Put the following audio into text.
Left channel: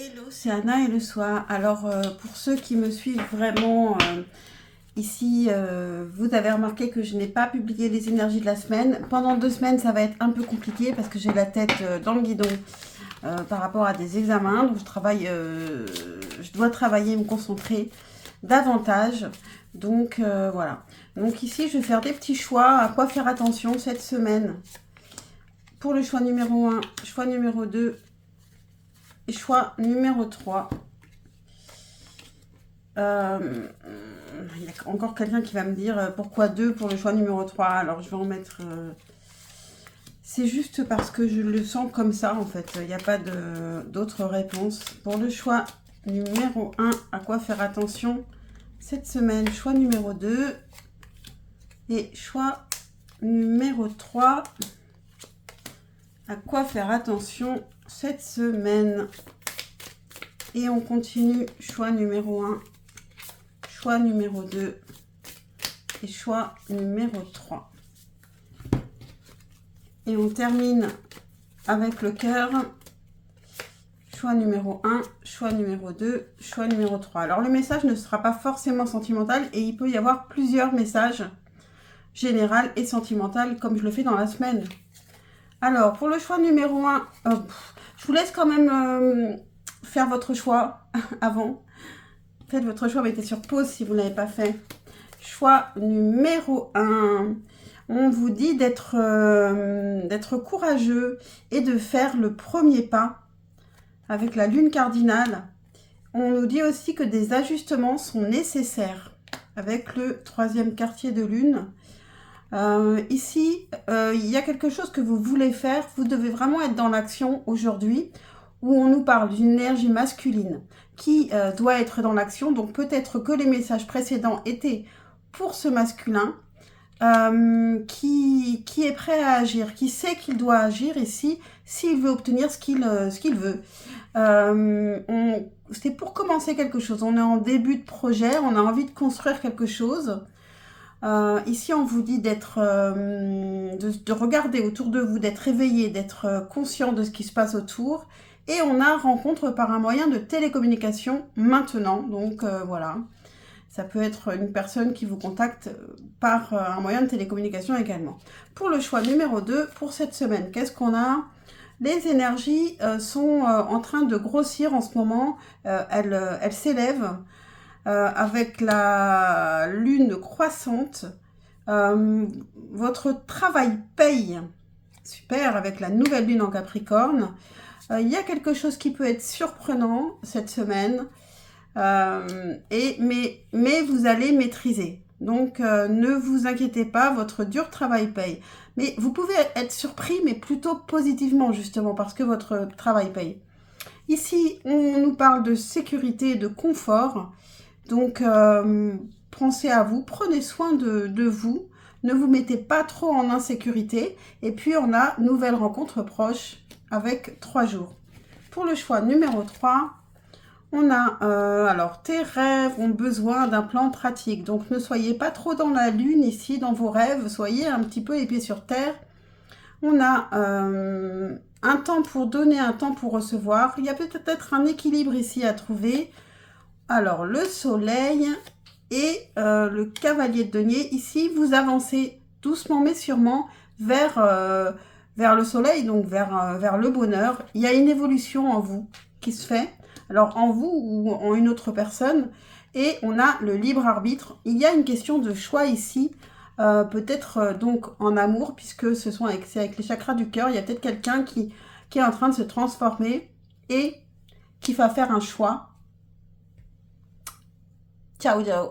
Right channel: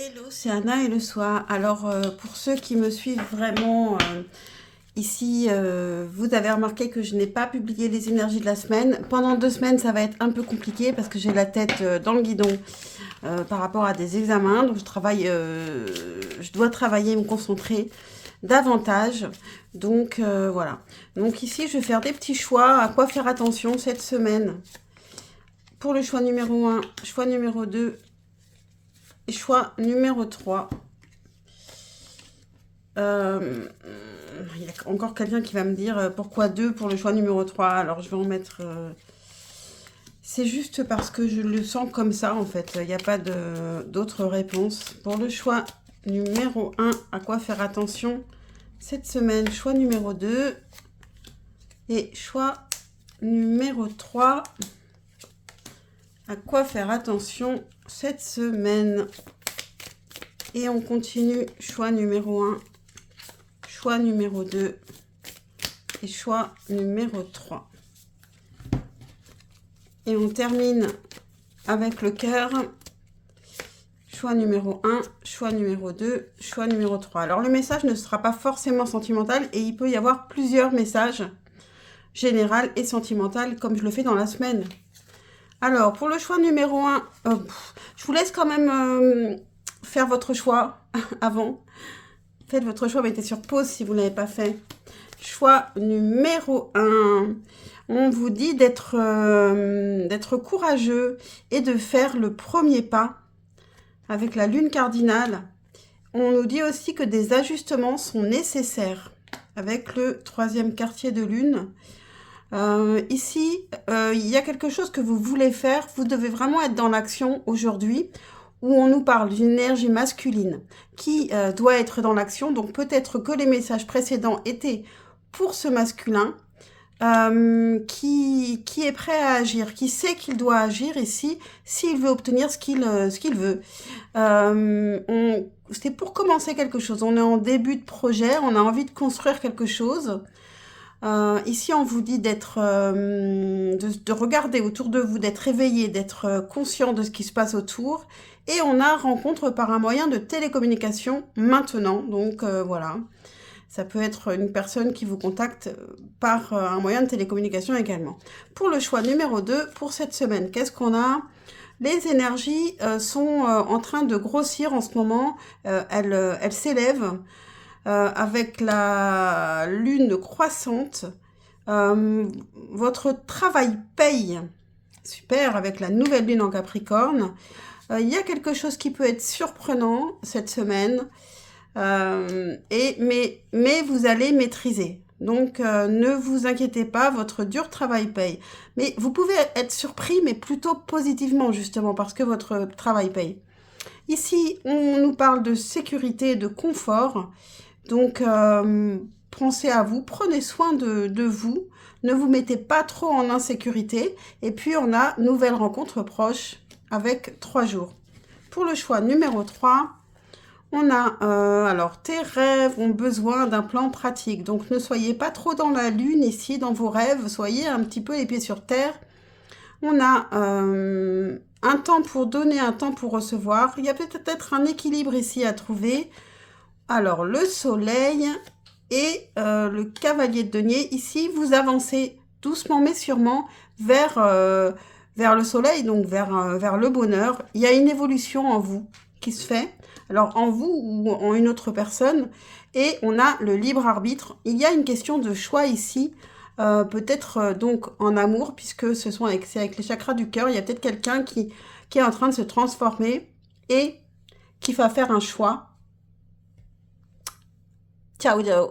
Hello, c'est Anna et le soir. Alors, pour ceux qui me suivent vraiment ici, vous avez remarqué que je n'ai pas publié les énergies de la semaine. Pendant 2 semaines, ça va être un peu compliqué parce que j'ai la tête dans le guidon par rapport à des examens. Donc, je dois travailler et me concentrer davantage. Donc, voilà. Donc, ici, je vais faire des petits choix. À quoi faire attention cette semaine? Pour le choix numéro 1, choix numéro 2. Et choix numéro 3. Il y a encore quelqu'un qui va me dire pourquoi 2 pour le choix numéro 3. Alors je vais en mettre... C'est juste parce que je le sens comme ça en fait. Il n'y a pas d'autre réponse. Pour le choix numéro 1, à quoi faire attention cette semaine? Choix numéro 2. Et choix numéro 3. À quoi faire attention cette semaine? Et on continue. Choix numéro 1, choix numéro 2 et choix numéro 3. Et on termine avec le cœur. Choix numéro 1, choix numéro 2, choix numéro 3. Alors le message ne sera pas forcément sentimental et il peut y avoir plusieurs messages général et sentimental comme je le fais dans la semaine. Alors pour le choix numéro 1, je vous laisse quand même faire votre choix avant. Faites votre choix, mettez sur pause si vous ne l'avez pas fait. Choix numéro 1. On vous dit d'être courageux et de faire le premier pas avec la lune cardinale. On nous dit aussi que des ajustements sont nécessaires avec le 3e quartier de lune. Ici, il y a quelque chose que vous voulez faire. Vous devez vraiment être dans l'action aujourd'hui où on nous parle d'une énergie masculine qui doit être dans l'action. Donc peut-être que les messages précédents étaient pour ce masculin qui est prêt à agir, qui sait qu'il doit agir ici s'il veut obtenir ce qu'il veut. C'est pour commencer quelque chose. On est en début de projet, on a envie de construire quelque chose. Ici, on vous dit de regarder autour de vous, d'être éveillé, d'être conscient de ce qui se passe autour. Et on a rencontre par un moyen de télécommunication maintenant. Donc voilà, ça peut être une personne qui vous contacte par un moyen de télécommunication également. Pour le choix numéro 2, pour cette semaine, qu'est-ce qu'on a? Les énergies sont en train de grossir en ce moment. Elles s'élèvent avec la lune croissante. Votre travail paye. Super, avec la nouvelle lune en Capricorne. Il y a quelque chose qui peut être surprenant cette semaine, mais vous allez maîtriser. Donc, ne vous inquiétez pas, votre dur travail paye. Mais vous pouvez être surpris, mais plutôt positivement, justement, parce que votre travail paye. Ici, on nous parle de sécurité et de confort. Donc, pensez à vous, prenez soin de vous. Ne vous mettez pas trop en insécurité. Et puis, on a nouvelle rencontre proche avec 3 jours. Pour le choix numéro 3, on a, alors, tes rêves ont besoin d'un plan pratique. Donc, ne soyez pas trop dans la lune ici, dans vos rêves. Soyez un petit peu les pieds sur terre. On a un temps pour donner, un temps pour recevoir. Il y a peut-être un équilibre ici à trouver. Alors, le soleil et le cavalier de denier. Ici, vous avancez doucement mais sûrement vers le soleil, donc vers le bonheur. Il y a une évolution en vous qui se fait, alors en vous ou en une autre personne, et on a le libre arbitre. Il y a une question de choix ici, peut-être donc en amour, puisque c'est avec les chakras du cœur. Il y a peut-être quelqu'un qui est en train de se transformer et qui va faire un choix. Ciao, ciao.